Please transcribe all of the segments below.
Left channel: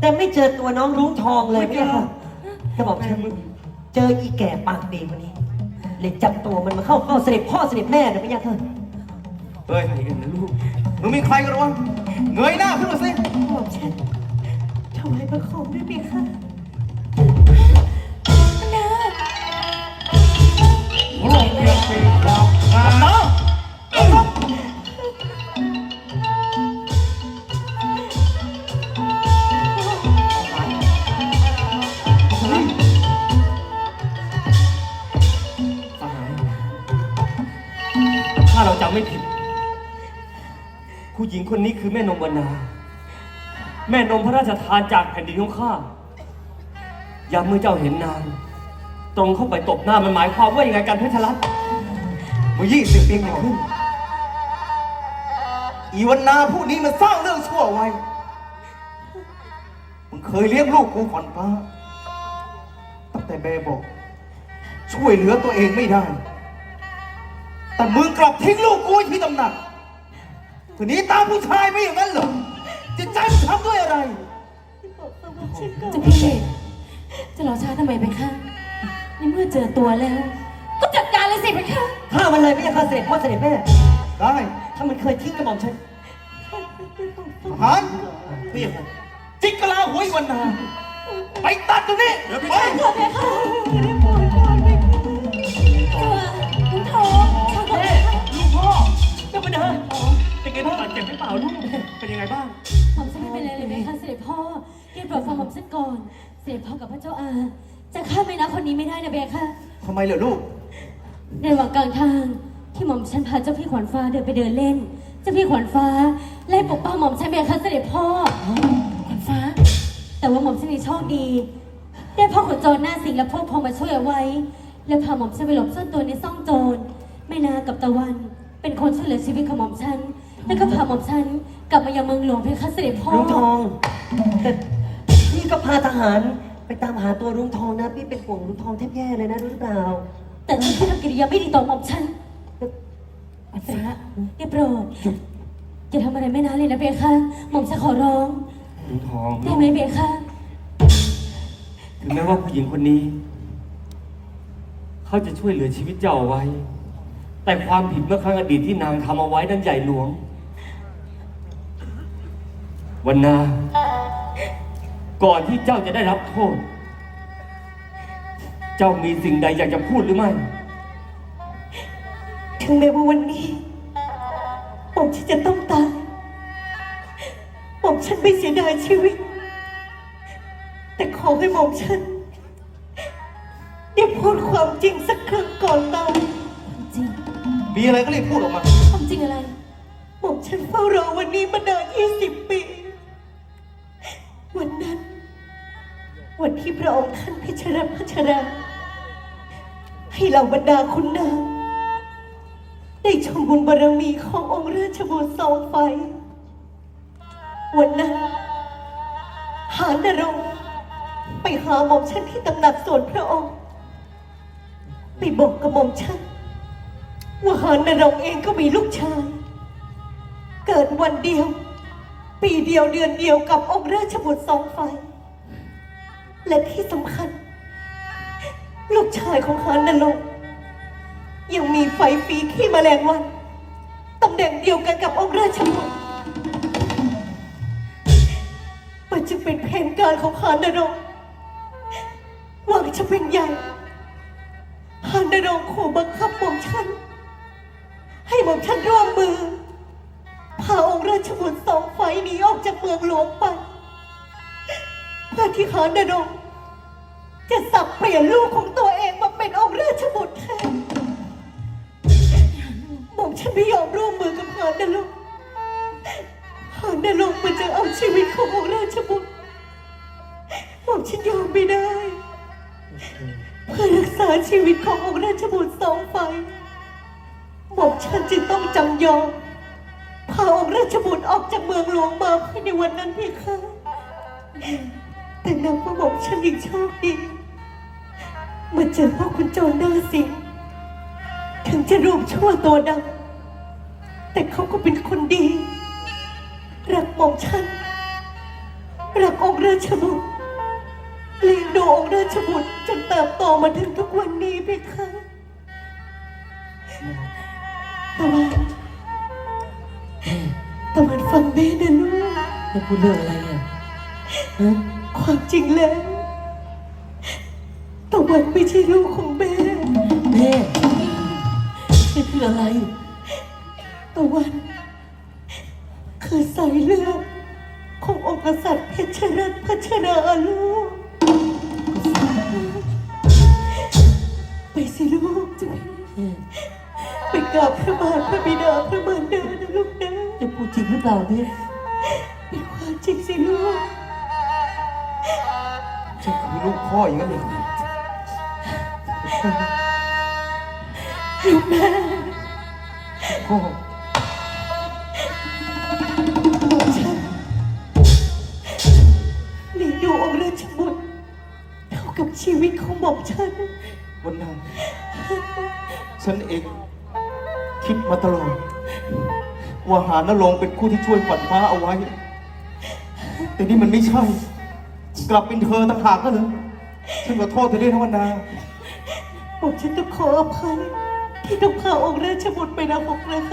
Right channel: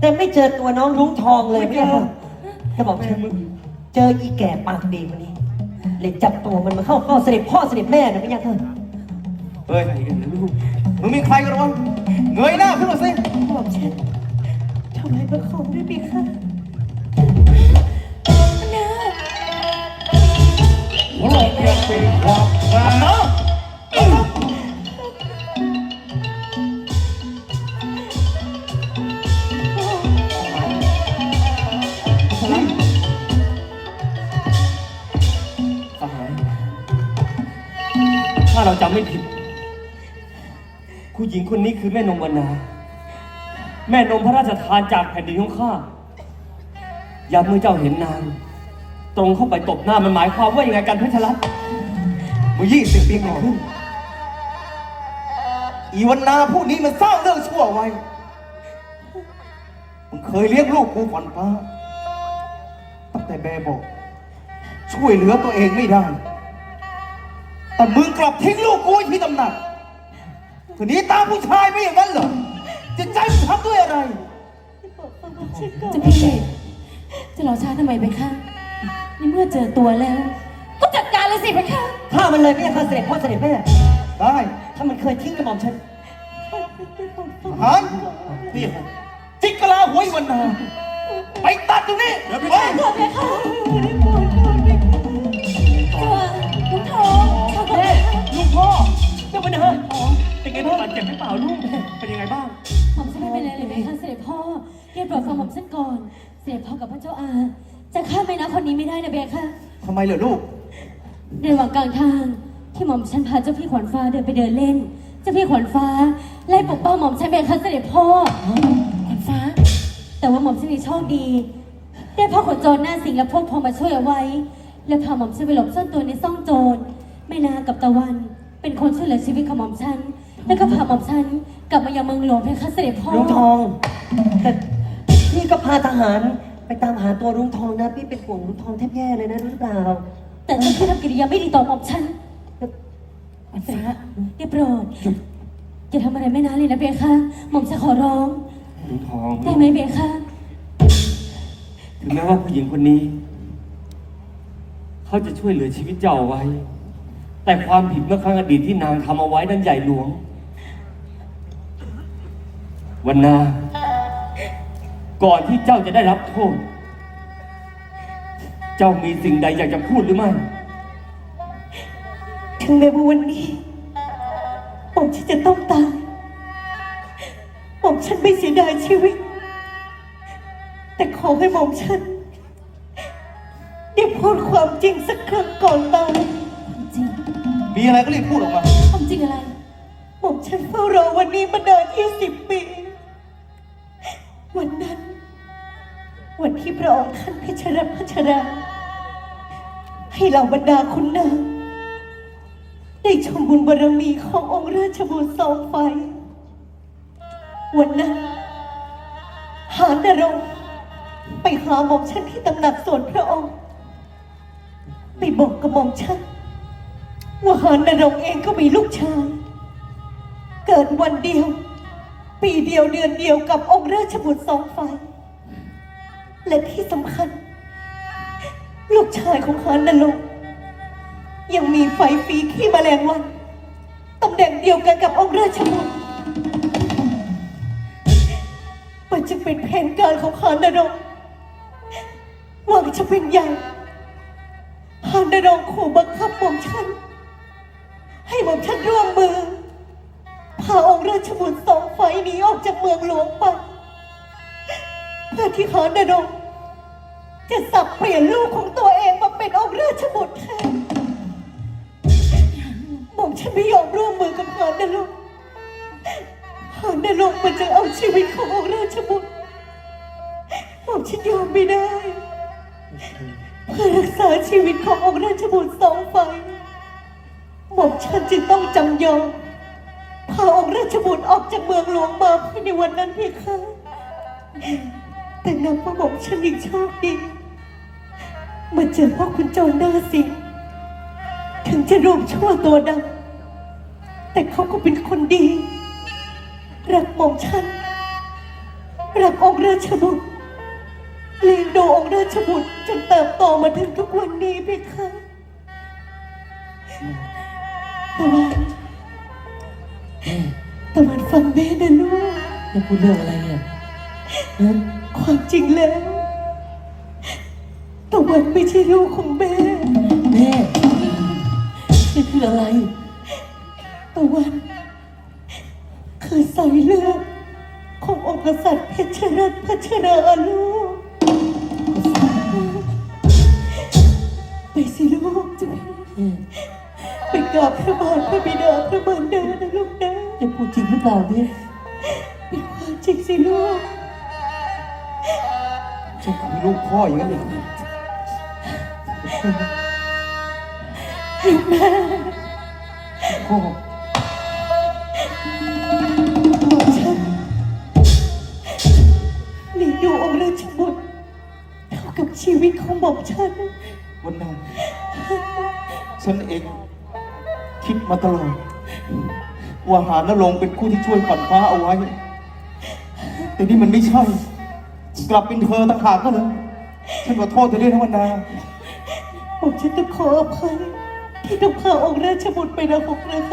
แต่ไม่เจอตัวน้องรุ้งทองเลยไม่ใช่ค่ะจะบอกฉันเจออีแก่ปากดีคนนี้เลยจับตัวมันมาเข้าเฝ้าเสด็จพ่อเสด็จแม่นะไม่ใช่ค่ะเฮ้ยใครกันนะลูกมึงมีใครกันวะเงยหน้าขึ้นมาสิบอกฉันทำไมประคองด้วยปีค่ะ นี้คือแม่นมวนาแม่นมพระราชทานจากแผ่นดินของข้ายามเมื่อเจ้าเห็นนาง ตรงเข้าไปตบหน้ามันหมายความว่ายังไงกันเพชรรัตน์เมื่อยี่สิบปีก่อนขึ้นอีวันนาผู้นี้มันสร้างเรื่องชั่วไว้มึงเคยเลี้ยงลูกกูฝันฟ้า ตั้งแต่เบบอก ช่วยเหลือตัวเองไม่ได้ แต่มึงกลับทิ้งลูกกูที่ตำหนัก ทีนี้ตามผู้ชายไม่อย่างนั้นเหรอจะใจมึงทำด้วยอะไรเจะพี่จะรอช้าทำไมไปคะในเมื่อเจอตัวแล้ว ก็จัดการเลยสิไปคะฆ่ามันเลยไม่ใช่ค่ะเสด็จพ่อเสด็จแม่ ได้ ถ้ามันเคยทิ้งกระหม่อมฉันทหารนี่จิกกะลาหัวอีวันนาไปตัดตรงนี้ไป ขอเพคะได้โปรดก่อนไปคะตัวลุงทองข้าขอเพคะลูกพ่อเจ้าปัญหา เป็นไงบ้างบาดเจ็บหรือเปล่าลูก เป็นยังไงบ้าง ผมจะไม่เป็นไรเลยไหมคะเสด็จพ่อเรียบร้อยฟังผมสักก่อน เสด็จพ่อกับพระเจ้าอา จะฆ่าแม่นะคนนี้ไม่ได้นะเบค่ะ ทำไมเหรอลูก ในระหว่างกลางทางที่หม่อมฉันพาเจ้าพี่ขวัญฟ้าเดินไปเดินเล่น เจ้าพี่ขวัญฟ้าไล่ปกป้องหม่อมฉันเบค่ะเสด็จพ่อ ขวัญฟ้า แต่ว่าหม่อมฉันนี่โชคดี ได้พ่อขนโจรหน้าสิงและพวกพ้องมาช่วยเอาไว้ แล้วพาหม่อมฉันไปหลบซ่อนตัวในซ่องโจรแม่นากับตะวัน เป็นคนช่วยเหลือชีวิตของหม่อมฉัน แล้วก็พาหม่อมฉันกลับมายังเมืองหลวงเพคะเสด็จพ่อรุ้งทอง แต่พี่ก็พาทหารไปตามหาตัวรุ้งทองนะ พี่เป็นห่วงรุ้งทองแทบแย่เลยนะรู้หรือเปล่า แต่ท่านพี่ทำกิริยาไม่ดีต่อหม่อมฉันขวัญฟ้าได้โปรดอย่าทำอะไรแม่นาเลยนะเบคะหม่อมฉันขอร้องลุงทองได้ไหมเบคะถึงแม้ว่าผู้หญิงคนนี้ เขาจะช่วยเหลือชีวิตเจ้าเอาไว้ แต่ความผิดเมื่อครั้งอดีตที่นางทำเอาไว้นั้นใหญ่หลวง วันนา ก่อนที่เจ้าจะได้รับโทษ เจ้ามีสิ่งใดอยากจะพูดหรือไม่ ถึงแม้ว่าวันนี้ผมฉันจะต้องตายผมฉันไม่เสียดายชีวิต แต่ขอให้ผมฉันได้พูดความจริงสักครั้งก่อนตายจริงมีอะไรก็รีบพูดออกมา ความจริงอะไร ผมฉันเฝ้ารอวันนี้มานานยี่สิบปี วันนั้น วันที่พระองค์ท่านเพชรพัชราให้เหล่าบรรดาคุณนางได้ชมบุญบารมีขององค์ราชบุตรสองไฟ วันนั้น หานรงไปหาหม่อมฉันที่ตำหนักส่วนพระองค์ไปบอกกับหม่อมฉันว่าหานรงเองก็มีลูกชาย เกิดวันเดียว ปีเดียวเดือนเดียวกับองค์ราชบุตรสองไฟและที่สำคัญ ลูกชายของหานนรงยังมีไฟปีขี้แมลงวันตำแหน่งเดียวกันกับองค์ราชบุตรมันจะเป็นแผนการของหานนรงหวังจะเป็นใหญ่หานนรงขู่บังคับหม่อมฉัน ให้หม่อมฉันร่วมมือาองค์ราชบุตรสองไฟหนีออกจากเมืองหลวงไปเพื่อที่หานนงจะสับเปลี่ยนลูกของตัวเองมาเป็นองค์ราชบุตรแทนหม่อมฉันไม่ยอมร่วมมือกับหานนรงค์หานนรงมันจะเอาชีวิตขององค์ราชบุตรหม่อมฉันยอมไม่ได้เพื่อรักษาชีวิตขององค์ราชบุตรสองไฟหม่อมฉันจึงต้องจำยอม ชบุตรออกจากเมืองหลวงมาภายในวันนั้นเพียงค่ะแต่นับว่าหม่อมฉันยังโชคดีมาเจอพ่อคุณโจรหน้าสิงถึงจะรูปชั่วตัวดำแต่เขาก็เป็นคนดี รักหม่อมฉัน รักองค์ราชบุตรเลี้ยงดูองค์ราชบุตรจนเติบโตมาถึงทุกวันนี้เพคะตะวัน กจะพูดเรื่องอะไรอะฮะความจริงแล้วตะวันไม่ใช่ลูกของแม่ แม่นี่คืออะไร ตะวัน คือสายเลือดขององค์กษัตริย์เพชรรัตน์พัชราลูกไปสิลูกจะแม่ไปกราบพระบาทพระบิดาพระมารดานะลูกนะจะพูดจริงหรือเปล่าเนี่ยเป็นความ จริงสิลูกฉันคือลูกพ่ออย่างนั้นเลยลูกแม่พ่อฉันเลี้ยงดูองค์ราชบุตรเท่ากับชีวิตของหม่อมฉัน วันนั้น ฉันเองคิดมาตลอดว่าหานรงเป็นผู้ที่ช่วยขวัญฟ้าเอาไว้ แต่นี่มันไม่ใช่ กลับเป็นเธอต่างหากนั่นเลยฉันขอโทษเธอด้วยนะวันนาหม่อมฉันต้องขออภัยที่ต้องพาองค์ราชบุตรไปรับองค์ราชห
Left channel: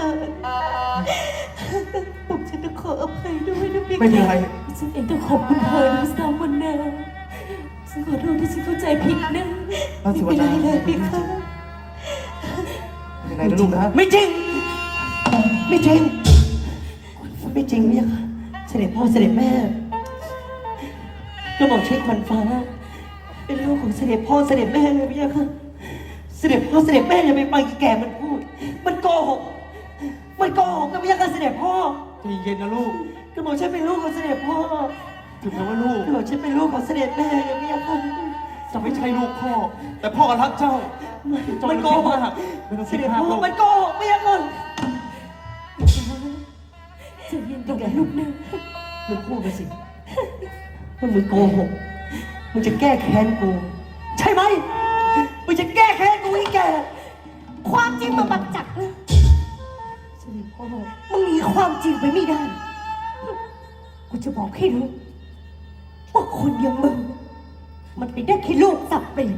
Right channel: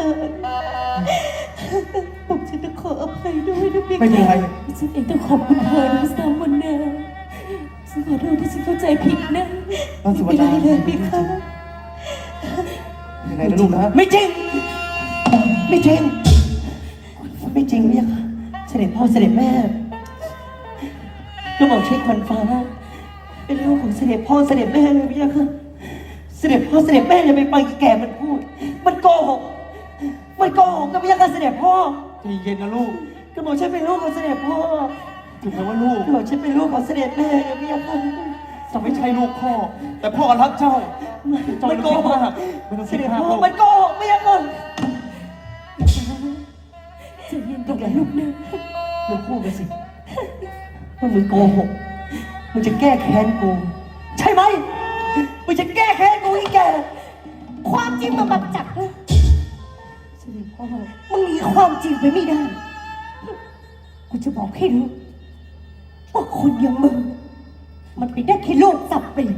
ม่อมฉันต้องขออภัยด้วยนะพี่ไม่เป็นไรฉันเองต้องขอบคุณเธอด้วยซ้ำวันแน่ฉันขอโทษที่ฉันเข้าใจผิดนะเอาสิไม่วันเป็นไรนาเลยพี่คะยังไงนะลูกนะไม่จริง ไม่จริง ไม่จริงเนี่ยค่ะเสด็จพ่อเสด็จแม่ ก็บอกใช้ขวัญฟ้า เป็นลูกของเสด็จพ่อเสด็จแม่เลยพี่ค่ะ เสด็จพ่อเสด็จแม่อย่าไปฟังอีแก่มันพูด มันโกหก มันโกหกกับพี่ค่ะเสด็จพ่อใจเย็นนะลูกก็บอกฉันเป็นลูกของเสด็จพ่อถึงแม้ว่าลูกก็บอกฉันเป็นลูกของเสด็จแม่นะพี่ค่ะจะไม่ใช่ลูกพ่อ แต่พ่อรักเจ้ามันโกหกไม่ต้องเสคิดด็จมากพ่อลูกมันโกหกพี่ค่ะจะเย็นก่อนนะลูกนะมึงพูดไปสิ ว่ามึงโกหกมึงจะแก้แค้นกูใช่ไหมมึงจะแก้แค้นกูอีแกความจริงมาบังจักเลยเสด็จพ่อมึงหนีความจริงไปไม่ได้ กูจะบอกให้รู้ว่าคนอย่างมึง มันเป็นได้แค่ลูกสับเปลี่ยน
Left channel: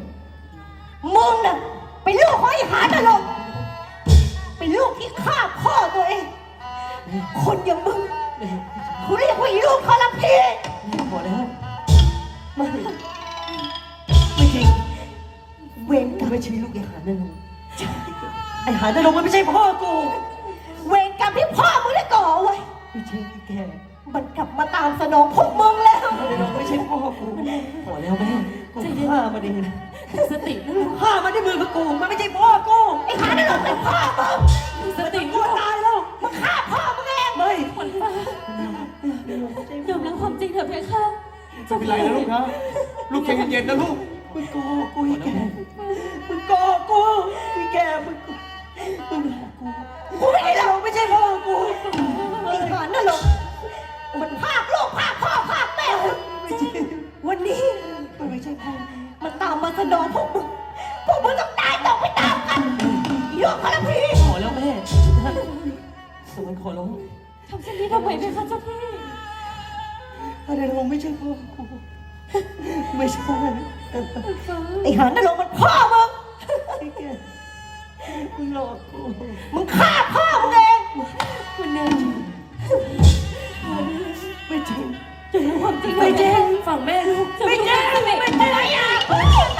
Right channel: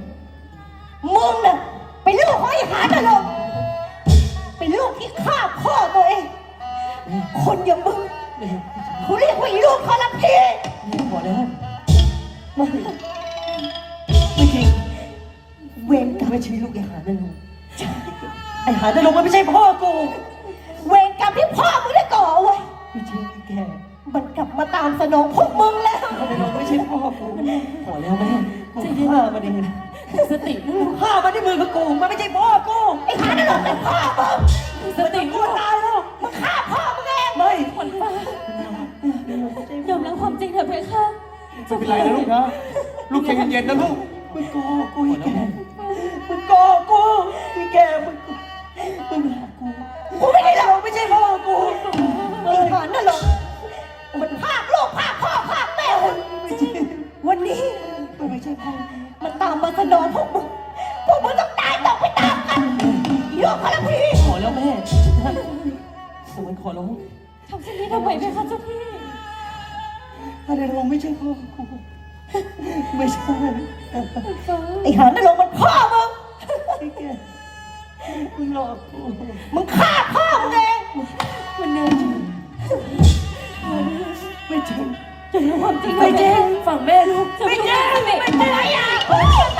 มึงน่ะเป็นลูกของไอ้หานนรกเป็นลูกที่ฆ่าพ่อตัวเอง คนอย่างมึงเขาเรียกว่าไอ้ลูกทรพีพอแล้ว ไม่ไม่จริง เวรกรรมไม่ใช่ลูกไอ้หานั่นลงไอ้หานั่นลงมันไม่ใช่พ่อกูเวรกรรมที่พ่อมึงได้ก่อเอาไว้ไม่ใช่อีแกมันกลับมาตามสนองพวกมึงแล้วหานั่นลงไม่ใช่พ่อกูพอแล้วแม่กูฆ่ามันเองสตินะกูฆ่ามันด้วยมือกับกูมันไม่ใช่พ่อกูไอ้หานรกเป็นพ่อมึงสติกูนะตายแล้วมึงฆ่าพ่อมึงเองไม่ขวัญฟ้ายอมรับความจริงเถอะเพคะ จะเป็นไรนะลูกนะลูกใจเย็นๆนะลูกมึงโกกูอีแกมึงโกกกูอีแกมึงโก อะไรเราไม่ใช่พ่อกูไม่ใช่ไอ้หานนรกมันพ่อมึงไอ้แกมึงหลอกกูมึงฆ่าพ่อมึงเองวันนี้ไม่จริงยอมรับความจริงไม่จริงฝั่งแม่ลูกจะไม่จริงไม่ไม่เป็นไรอะพ่อตายจะ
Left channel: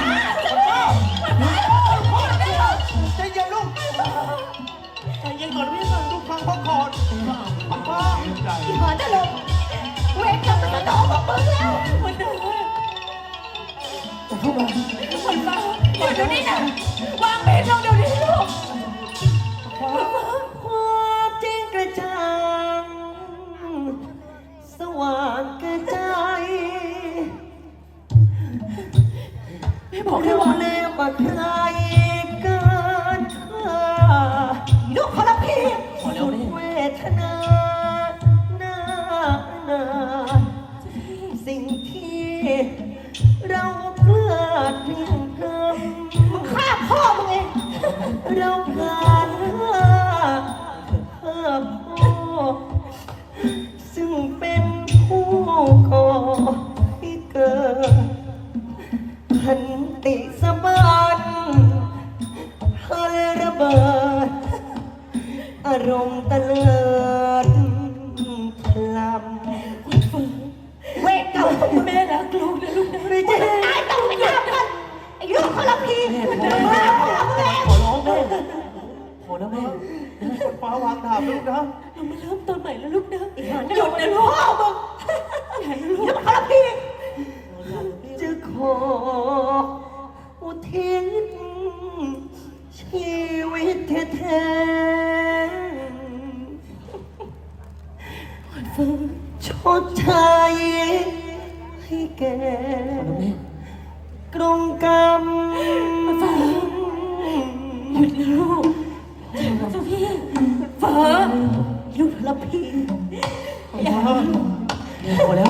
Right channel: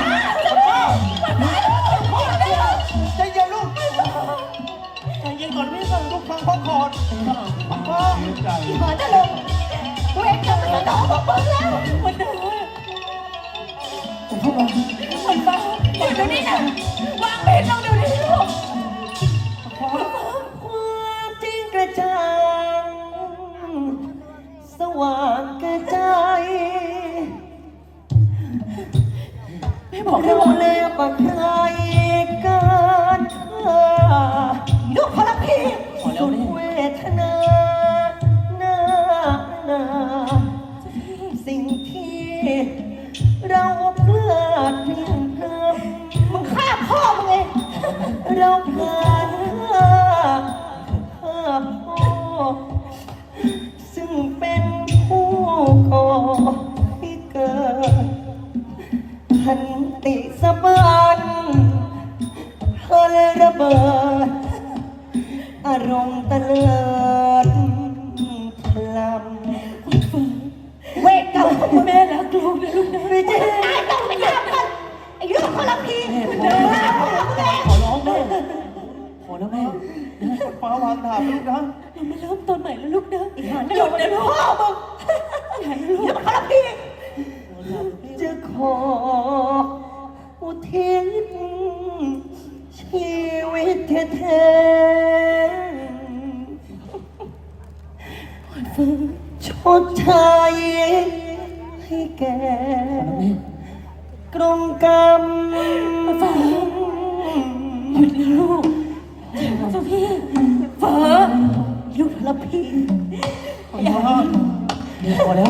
เราเพลิดเพลินมึงฆ่าพ่อมึงเองเราเพลิดเพลินเพลินพ่อซึ่งเป็นผู้ก่อให้เกิดพันติสะบันพลระเบิดอารมณ์ตะเลิด แม่รักลูกนะลูกนะไม่ใช่ไอ้ลูกคนละพี่แม่เป็นแม่ขอร้องแม่ขอแล้วแม่ขวัญฟ้าวางดาบลูกนะเรามาเริ่มต้นใหม่แล้วลูกนะหยุดนะลูก มกรรมหยุดนะลูกเจ้าพี่ฟ้าลูกละพี่ฟ้าพอแล้ว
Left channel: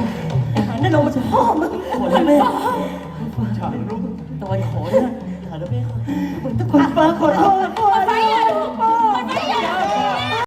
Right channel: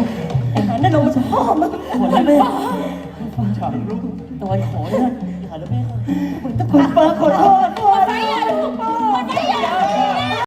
หาหน้าลงมาจากพ่อมึงขอแล้วแม่ฉันลูกตะวันขอแล้วหาแล้วแม่ก่อนตะกุนฟ้าขอโทษ